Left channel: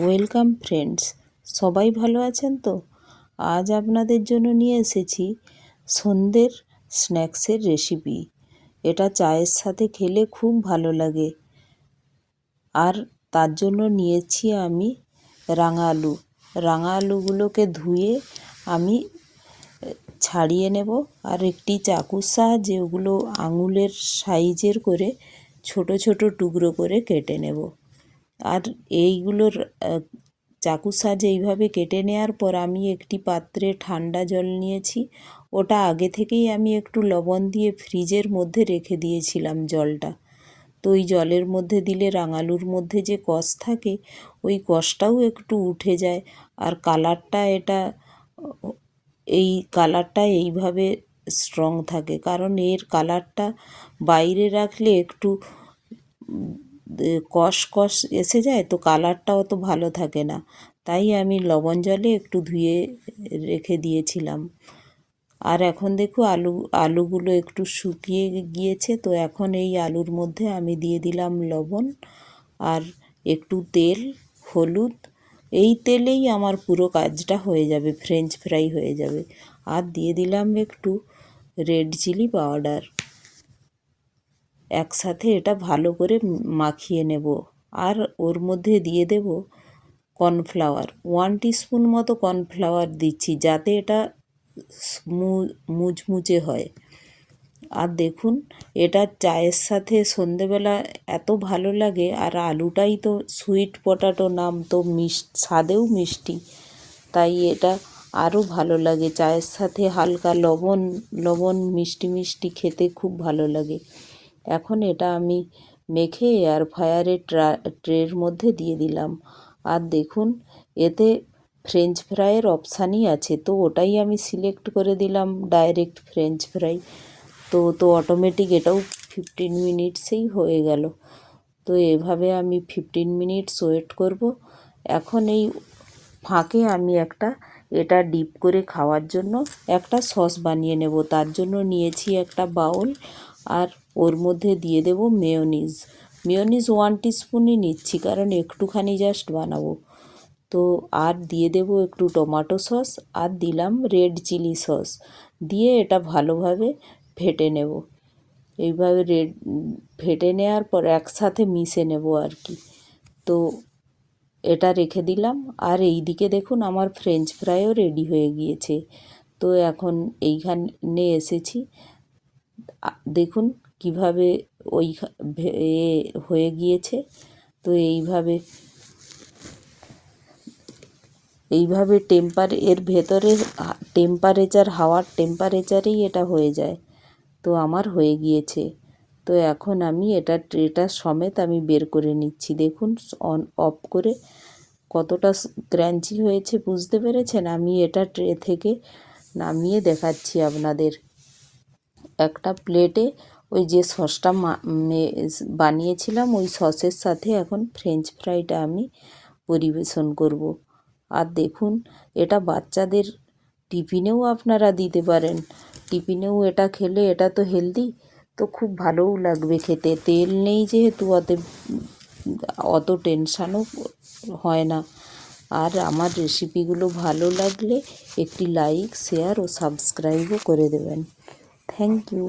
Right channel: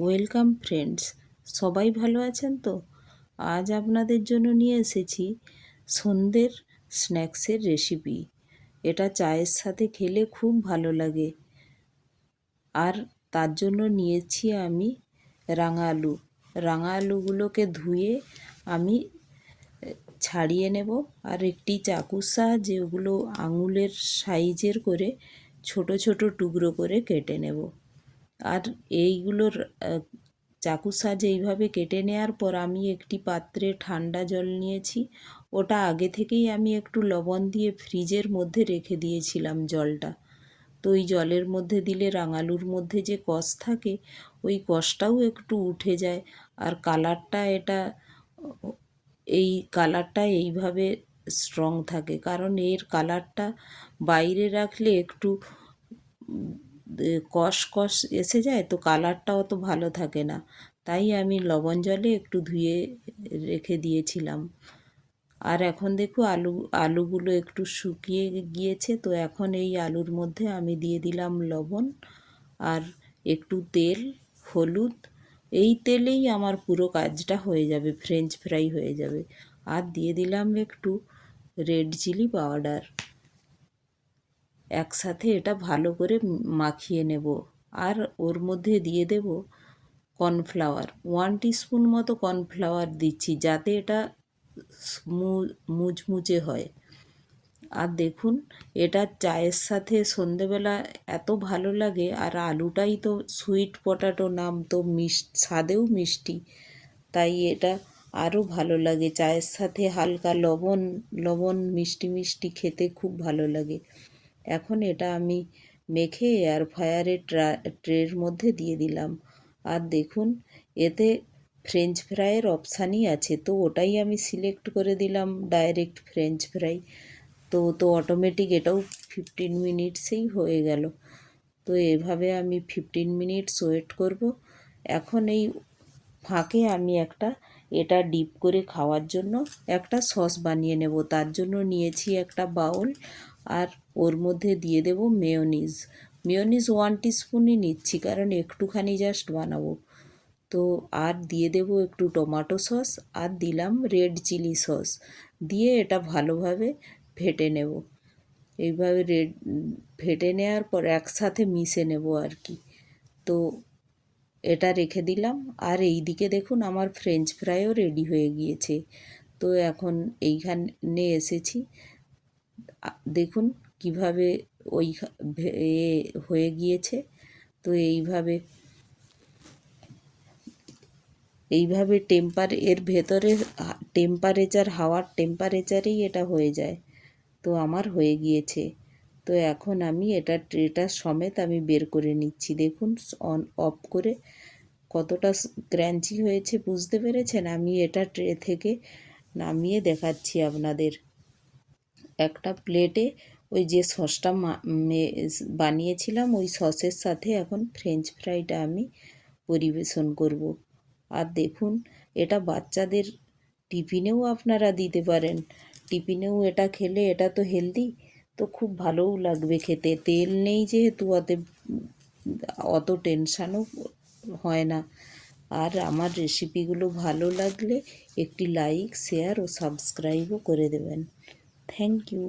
Welcome friends, সবাই ভালো আছেন তো? আজ আপনাদের জন্য নিয়ে এসেছি সন্ধ্যের স্ন্যাক্সের রেসিপি। এটা চায়ের সাথে খেলে খুব ভালো লাগে। আর তার জন্য নিয়েছি আমি রাঙা আলু। রাঙা আলুগুলোকে ধুয়ে আমি ছাড়িয়ে নেব, আর একটি চাকুর সাহায্যে ওগুলো আঙুলের সাইজের করে ছোট ছোট টুকরো করে কেটে নেব। আর এইগুলোর চাকুর সাহায্যে এইভাবে কেটে নেওয়ার পর আমি একটি পাত্রে ঠান্ডা জল নিয়েছি। ওটা আগে থেকেই আমি একটু লবণ দিয়ে ফ্রিজের মধ্যে রেখে দিয়েছিলাম জলটা। তো ওই জলের মধ্যে দিলে রাঙালুর মধ্যে যে কষ থাকে ওই কষটাও একটু উঠে যায়। আর এই কালারটা এইভাবে স্ট্রং থাকে, কারণ এর কালারটা বাইরে রাখলে একটু কষ কষ এসে যায়, তো কালারটা অত ভালো থাকে না। তাই আমি লবণ জলে একটু ধুয়ে রেখে দিয়েছিলাম। আর এখন দেখো আলুগুলো একটু শুকিয়ে গিয়েছে। তো এখন এই আলুর মধ্যে আমি দিয়ে দিলাম লবণ আর একটু তেল, হলুদ। এই তেলেই আমার পুরো কাজটা হয়ে যাবে, ফ্রেঞ্চ ফ্রাই হয়ে যাবে। আর দিয়ে দিলাম একটু রেড চিলি পাউডার। একসাথে এটা ভালো করে মাখিয়ে নেব। আর ওর মধ্যে দিয়ে দেব কর্নফ্লাওয়ার। 1 টিস্পুন মতো কর্নফ্লাওয়ার দিচ্ছি, যাতে এটা মুচমুচে হয়। আর দেখুন, এটা চায়ের সাথে সন্ধেবেলা এত ভালো লাগে। আর আলুটাই তো সুইট পটাটো নাম, তো স্বাদেও মিষ্টি, তাই এটা আরও ভালো লাগে। চায়ের সাথে হালকা লবণ লবণ মিষ্টি মিষ্টি খেতে খুব ভালো লাগে। এখন এটা আমি মেখে এয়ার ফ্রায়ারের ট্রের মধ্যে দিয়ে দিলাম। আর দেখুন, এতে ফ্রেঞ্চ ফ্রাইয়ের অপশানই আছে, তো ওটাই আমি সিলেক্ট করে দিলাম, ডাইরেক্ট ফ্রেঞ্চ ফ্রাই। তো অটোমেটিক এটাও 15 মিনিটসেই হয়ে গেল। তো এভাবে আমি 15 মিনিটস ওয়েট করব। এখন এই ফাঁকে আমি এটা ডিপ করে খাওয়ার জন্য একটা সস বানিয়ে নেব। তার জন্য নিয়েছি একটা বাউল, আর ওর মধ্যে দিয়ে দেব মেয়োনিজ। 1 টিস্পুনই নিচ্ছি, কারণ একটুখানি জাস্ট বানাবো। তো আর দিয়ে দেব একটু টমেটো সস, আর দিলাম রেড চিলি সস। দিয়ে এটা ভালোভাবে ফেটে নেব। এইভাবে ফেটে নেওয়ার পর একসাথে মিশে নেব আর কি। তো এটা রেখে দিলাম। আর এই দিকে দেখুন, আমার ফ্রেঞ্চ ফ্রাইও রেডি হয়ে গিয়েছে। তো এখন এইখানে এসেছি, দেখুন কিভাবে ওই হয়ে গিয়েছে। তো এইভাবে এর ভেতরে হাওয়ার টেম্পারেচারেই এটা হয়ে যায়। তো আমার হয়ে গিয়েছে। তো এখন আমি ট্রেটা সমেত আমি বের করে নিচ্ছি। দেখুন অন অফ করে কতটা ক্রাঞ্চি হয়েছে, বুঝতে পেরেছেন? আমি এটা ট্রে থেকে নামিয়ে দেখাচ্ছি আপনাদের। একটা প্লেটে ওই যে সসটা বানিয়েছিলাম, ওই সসের সাথে এখন ফ্রেঞ্চ ফ্রাইটা আমি পরিবেশন করব। আর দেখুন, এটা বাচ্চাদের টিফিনেও আপনারা দিতে পারেন। টিফিনেও এটা খেলে, এটা তো হেলদি, তো খুব ভালোও লাগবে খেতে। তেল নেই যেহেতু অত টেনশানও হয় না। আর আমার রেসিপিগুলো ভালো লাগলে একটি লাইক, শেয়ার ও সাবস্ক্রাইবও করে দেবেন। Thank you.